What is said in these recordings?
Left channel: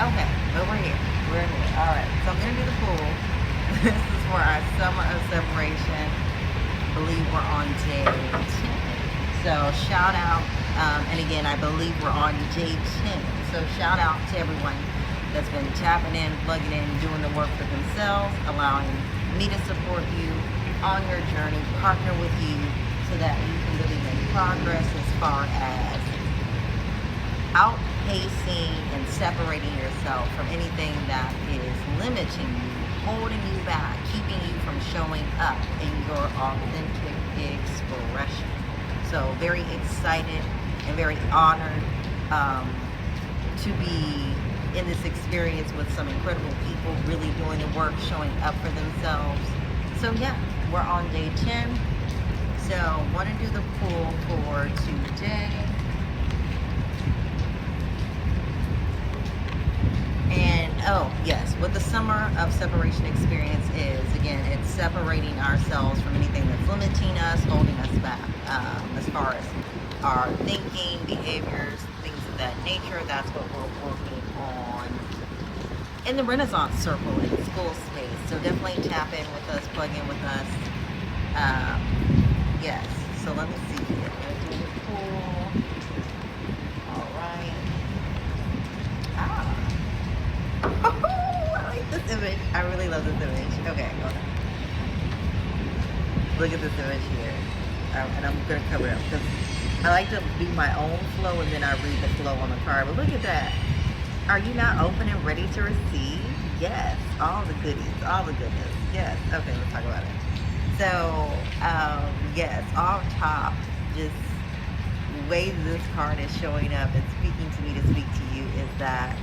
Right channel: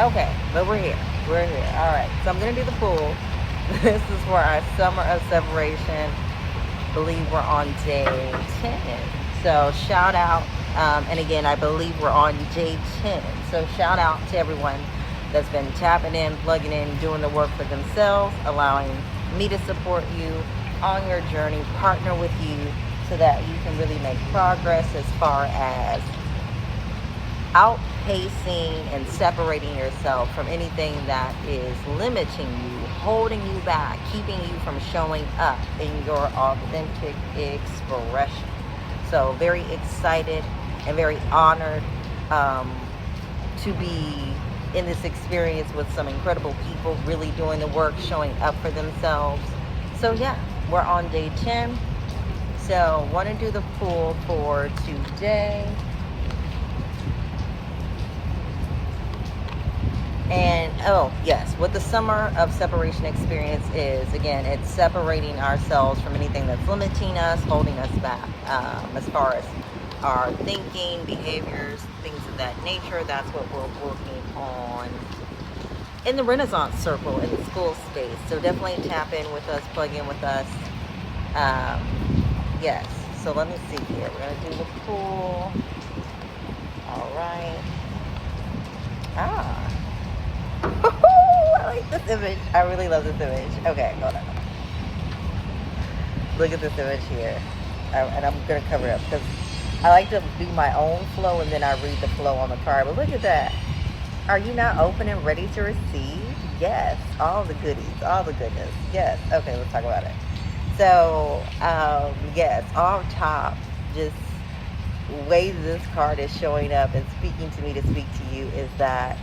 Okay, but we're here. We're here. All right. So I'm gonna do the pool. This is for our summer of separation. Believe we're on day 10. So shout out. And again, I believe we're on day 10. So shout out to everyone that's been tapping in, plugging in, doing the work for themselves, allowing me to support you on your journey, partner with you so that you can really make progress as far as outpacing and separating yourself from anything that is limiting you, holding you back, keeping you from showing up in your authentic expression. So very excited and very honored to be in this experience with some incredible people really doing the work, showing up for themselves. So yeah, we're on day 10. So want to do the pool for today. And oh, yes, what the summer of separation experience is, again, it's separating ourselves from anything that's limiting us, holding us back, as far as our thinking, behaviors, things of that nature. That's what we're working on in the Renaissance Circle in the school space. So definitely tap in with us, plug in with us. Yes, so let me see here. We're going to do the pool. All right. Ah. I like this image. I really love this image. Okay, hold on. Look at this image here. And I'm going to cover it up because I like to do my own flow and then I read the flow on the card. But look at that. Are you not open and ready to receive? Yes. All the goodies. All the goodness. Yes. Okay, let's talk about it. So, yes, off top, just ways this card is showing up and speaking to me to speak to you is that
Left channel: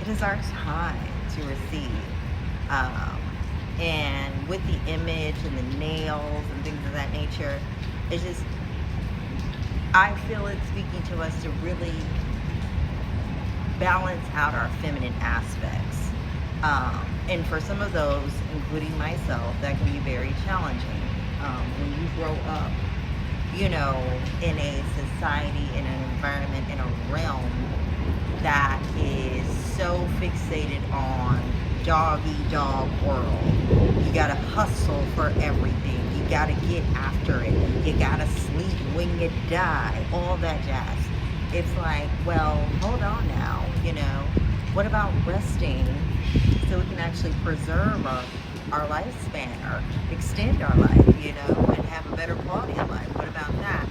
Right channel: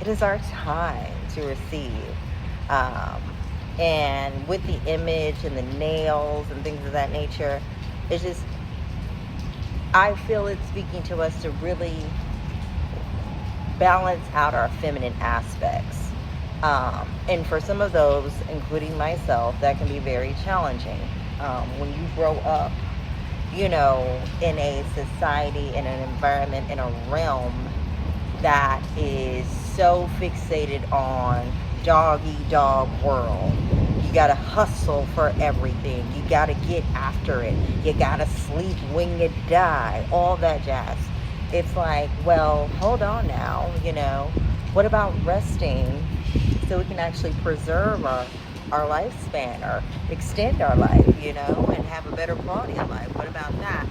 it is our time to receive. And with the image and the nails and things of that nature, it's just, I feel it's speaking to us to really balance out our feminine aspects. And for some of those, including myself, that can be very challenging. When you grow up, you know, in a society, in an environment, in a realm that is so fixated on dog world. You gotta hustle for everything. You gotta get after it. You gotta sleep when you die. All that jazz. It's like, well, hold on now, you know. What about resting so we can actually preserve our lifespan or extend our life, you know, and have a better quality of life? What about that?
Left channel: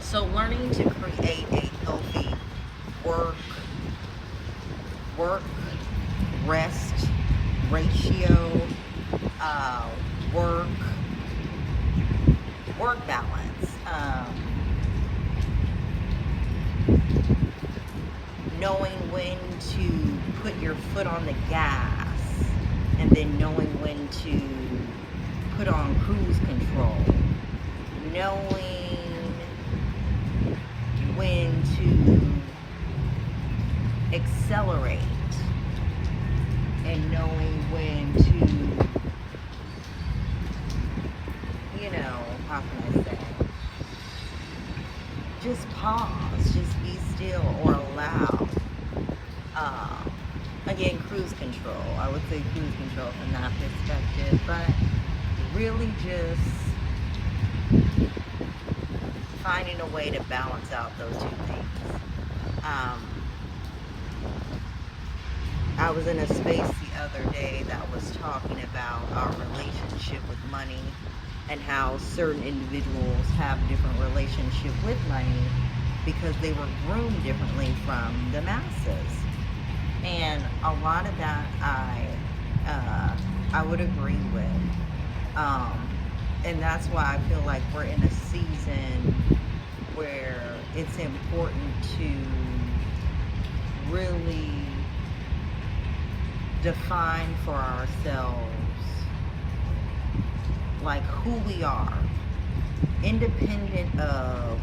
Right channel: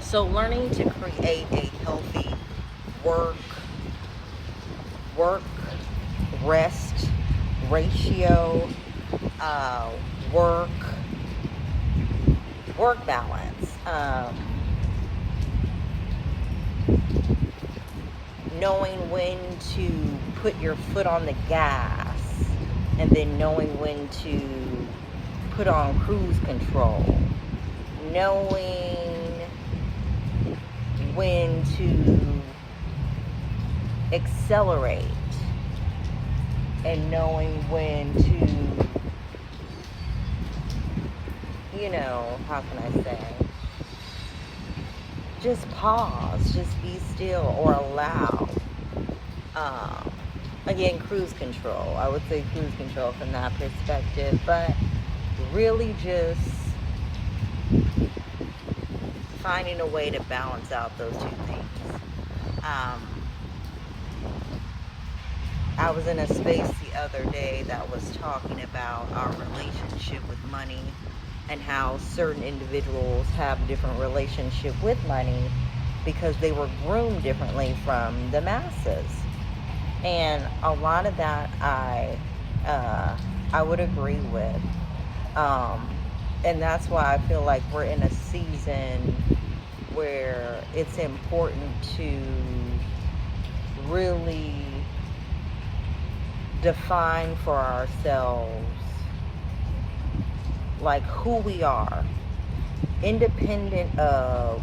So learning to create a healthy work rest ratio, work balance, knowing when to put your foot on the gas and then knowing when to put on cruise control, knowing when to accelerate and knowing when to, you know, how can I say, just pause, just be still or allow. Again, cruise control. I would say cruise control from that perspective, but really just finding a way to balance out those two things. I was in a space the other day that was talking about our relationship with money and how certain individuals have a different relationship with money because they were groomed differently from the masses. And a lot of that I would agree with. And that's why I feel like we're in a season where it's important to really define for ourselves like who we are, independent of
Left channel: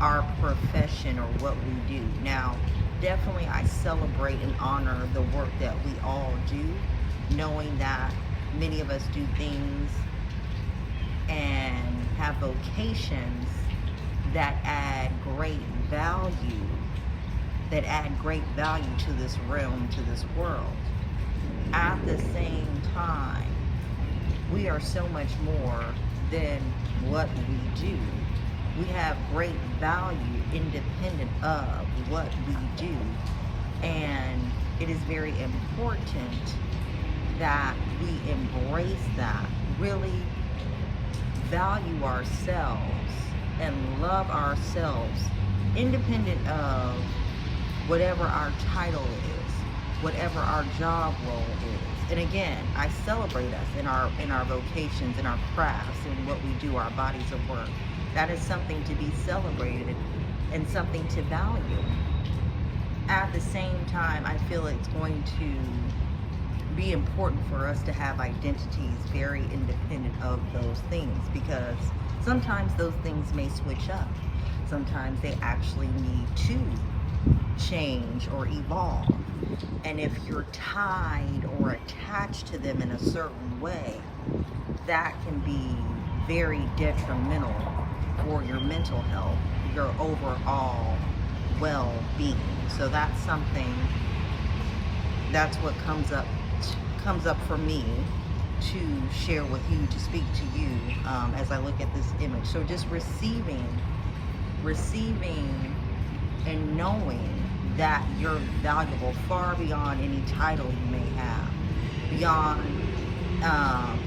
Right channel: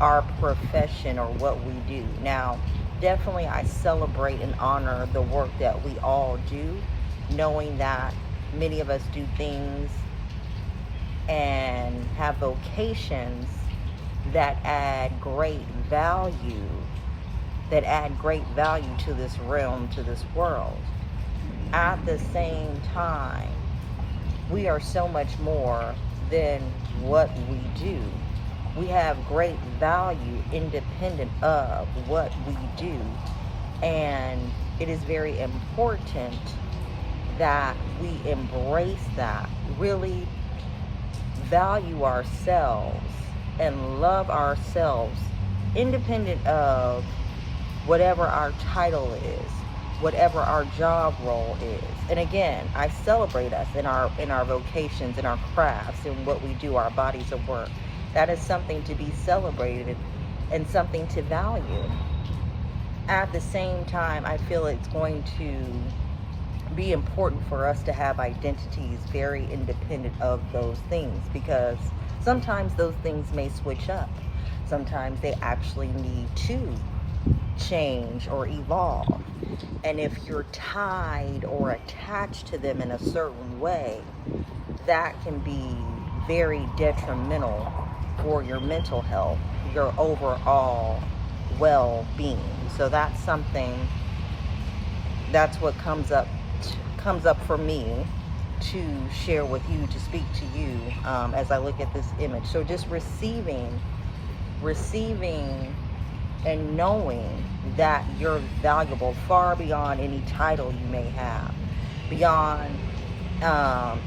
our profession or what we do. Now, definitely I celebrate and honor the work that we all do, knowing that many of us do things and have vocations that add great value that add great value to this realm, to this world. At the same time, we are so much more than what we do. We have great value independent of what we do. And it is very important that we embrace that, really value ourselves and love ourselves independent of whatever our title is, whatever our job role is. And again, I celebrate us in our vocations, in our crafts, in what we do, our bodies of work. That is something to be celebrated and something to value. At the same time, I feel it's going to be important for us to have identities very independent of those things, because sometimes those things may switch up. Sometimes they actually need to change or evolve. And if you're tied or attached to them in a certain way, that can be very detrimental for your mental health, your overall well-being. So that's something, that's what comes up for me to share with you, to speak to you as I look at this image. So just receiving and knowing that you're valuable far beyond any title you may have, beyond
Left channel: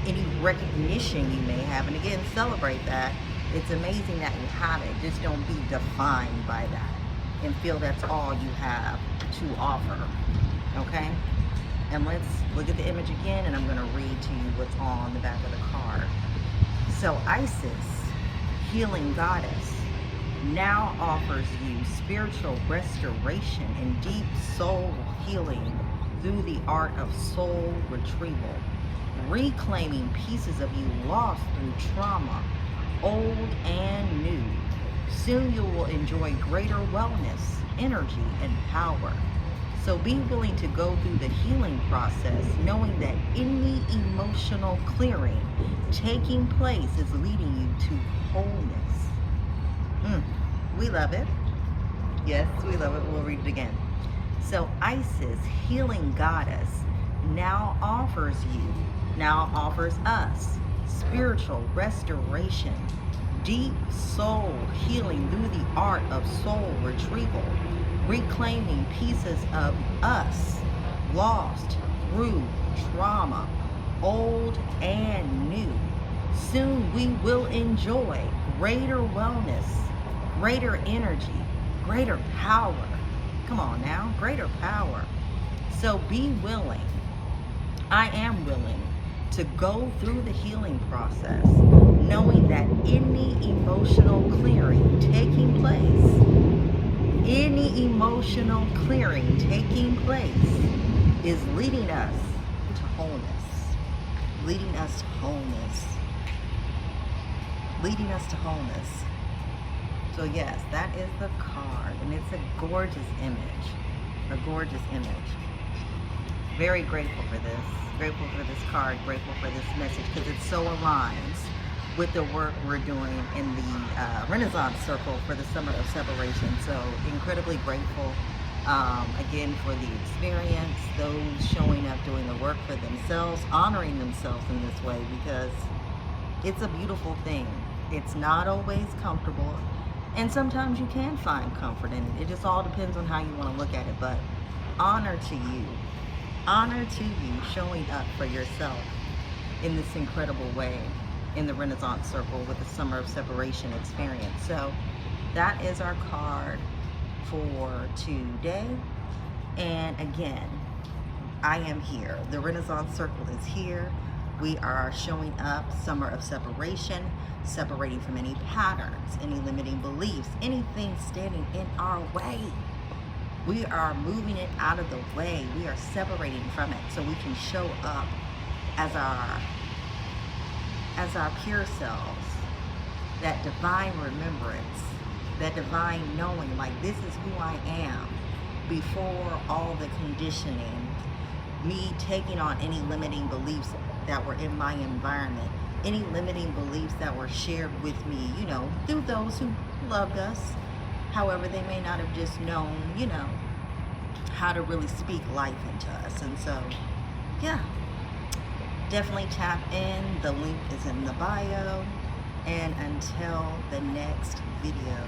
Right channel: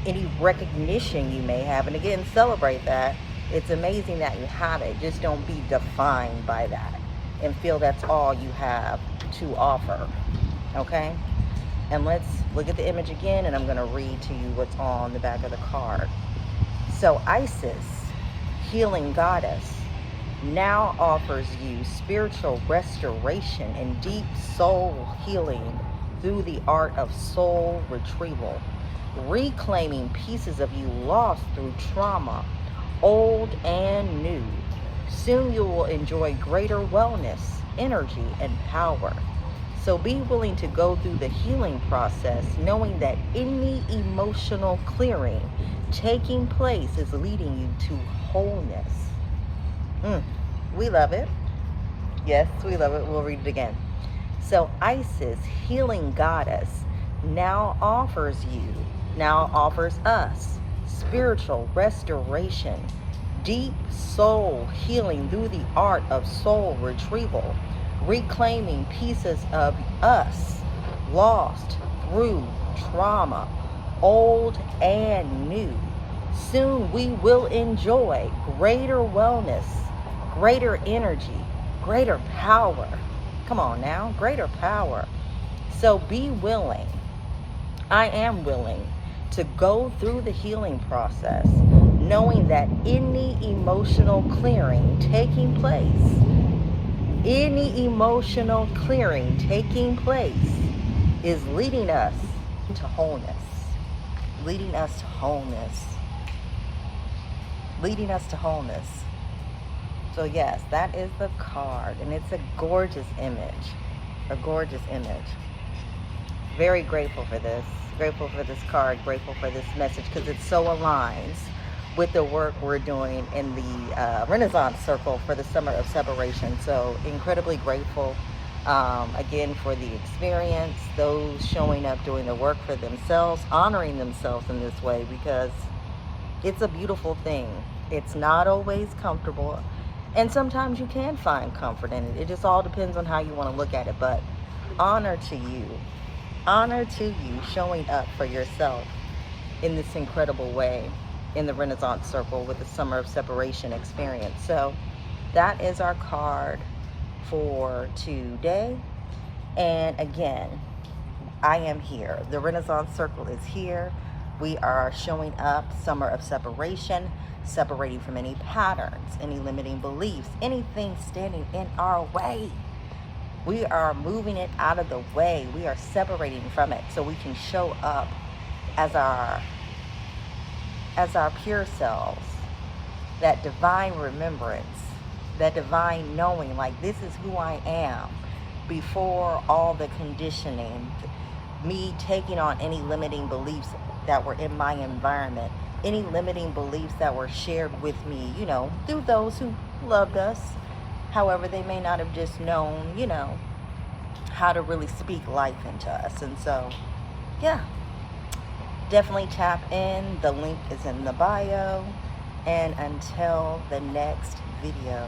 any recognition you may have. And again, celebrate that. It's amazing that you have it. Just don't be defined by that and feel that's all you have to offer. Okay? And let's look at the image again, and I'm going to read to you what's on the back of the card. So Isis, healing goddess, now offers you spiritual restoration and deep soul healing through the art of soul retrieval, reclaiming pieces of you lost through trauma, old and new. Soon you will enjoy greater wellness, energy, and power. So be willing to go through the healing process, knowing that any emotional clearing taking place is leading you to wholeness. We love it. Yes, we love it. We'll read it again. So Isis, healing goddess, now offers us spiritual restoration, deep soul healing through the art of soul retrieval, reclaiming pieces of us lost through trauma, old and new. Soon we will enjoy greater wellness, greater energy, greater power. Come on now, greater power. So be willing. I am willing to go through the healing process, knowing that any emotional clearing taking place is leading us to wholeness, leading us to wholeness, leading us to wholeness. So yes, that is the card, and it's a gorgeous image, a gorgeous image. Very grateful for this, card, grateful for this message, because it so aligns with the work we're doing in the Renaissance Circle for the Summer of Separation. So incredibly grateful, again, for the experience, those showing up, doing the work for themselves, honoring themselves in this way, because it's a beautiful thing. It's not always comfortable, and sometimes you can find comfort in it. It just all depends on how you want to look at it. But honor to you showing up for yourself in this incredible way in the Renaissance Circle with the Summer of Separation experience. So that is our card for today. And again, I am here. The Renaissance Circle is here. We are showing up, Summer of Separation, separating from any patterns, any limiting beliefs, anything standing in our way. We are moving it out of the way. We are separating from it so we can show up as our pure selves, that divine remembrance, that divine knowing, like, this is who I am, before all the conditioning, me taking on any limiting beliefs that were in my environment, any limiting beliefs that were shared with me, through those who loved us. However, they may not have just known, how to really speak life into us. And so, yeah, definitely tap in. The link is in the bio. And until the next video,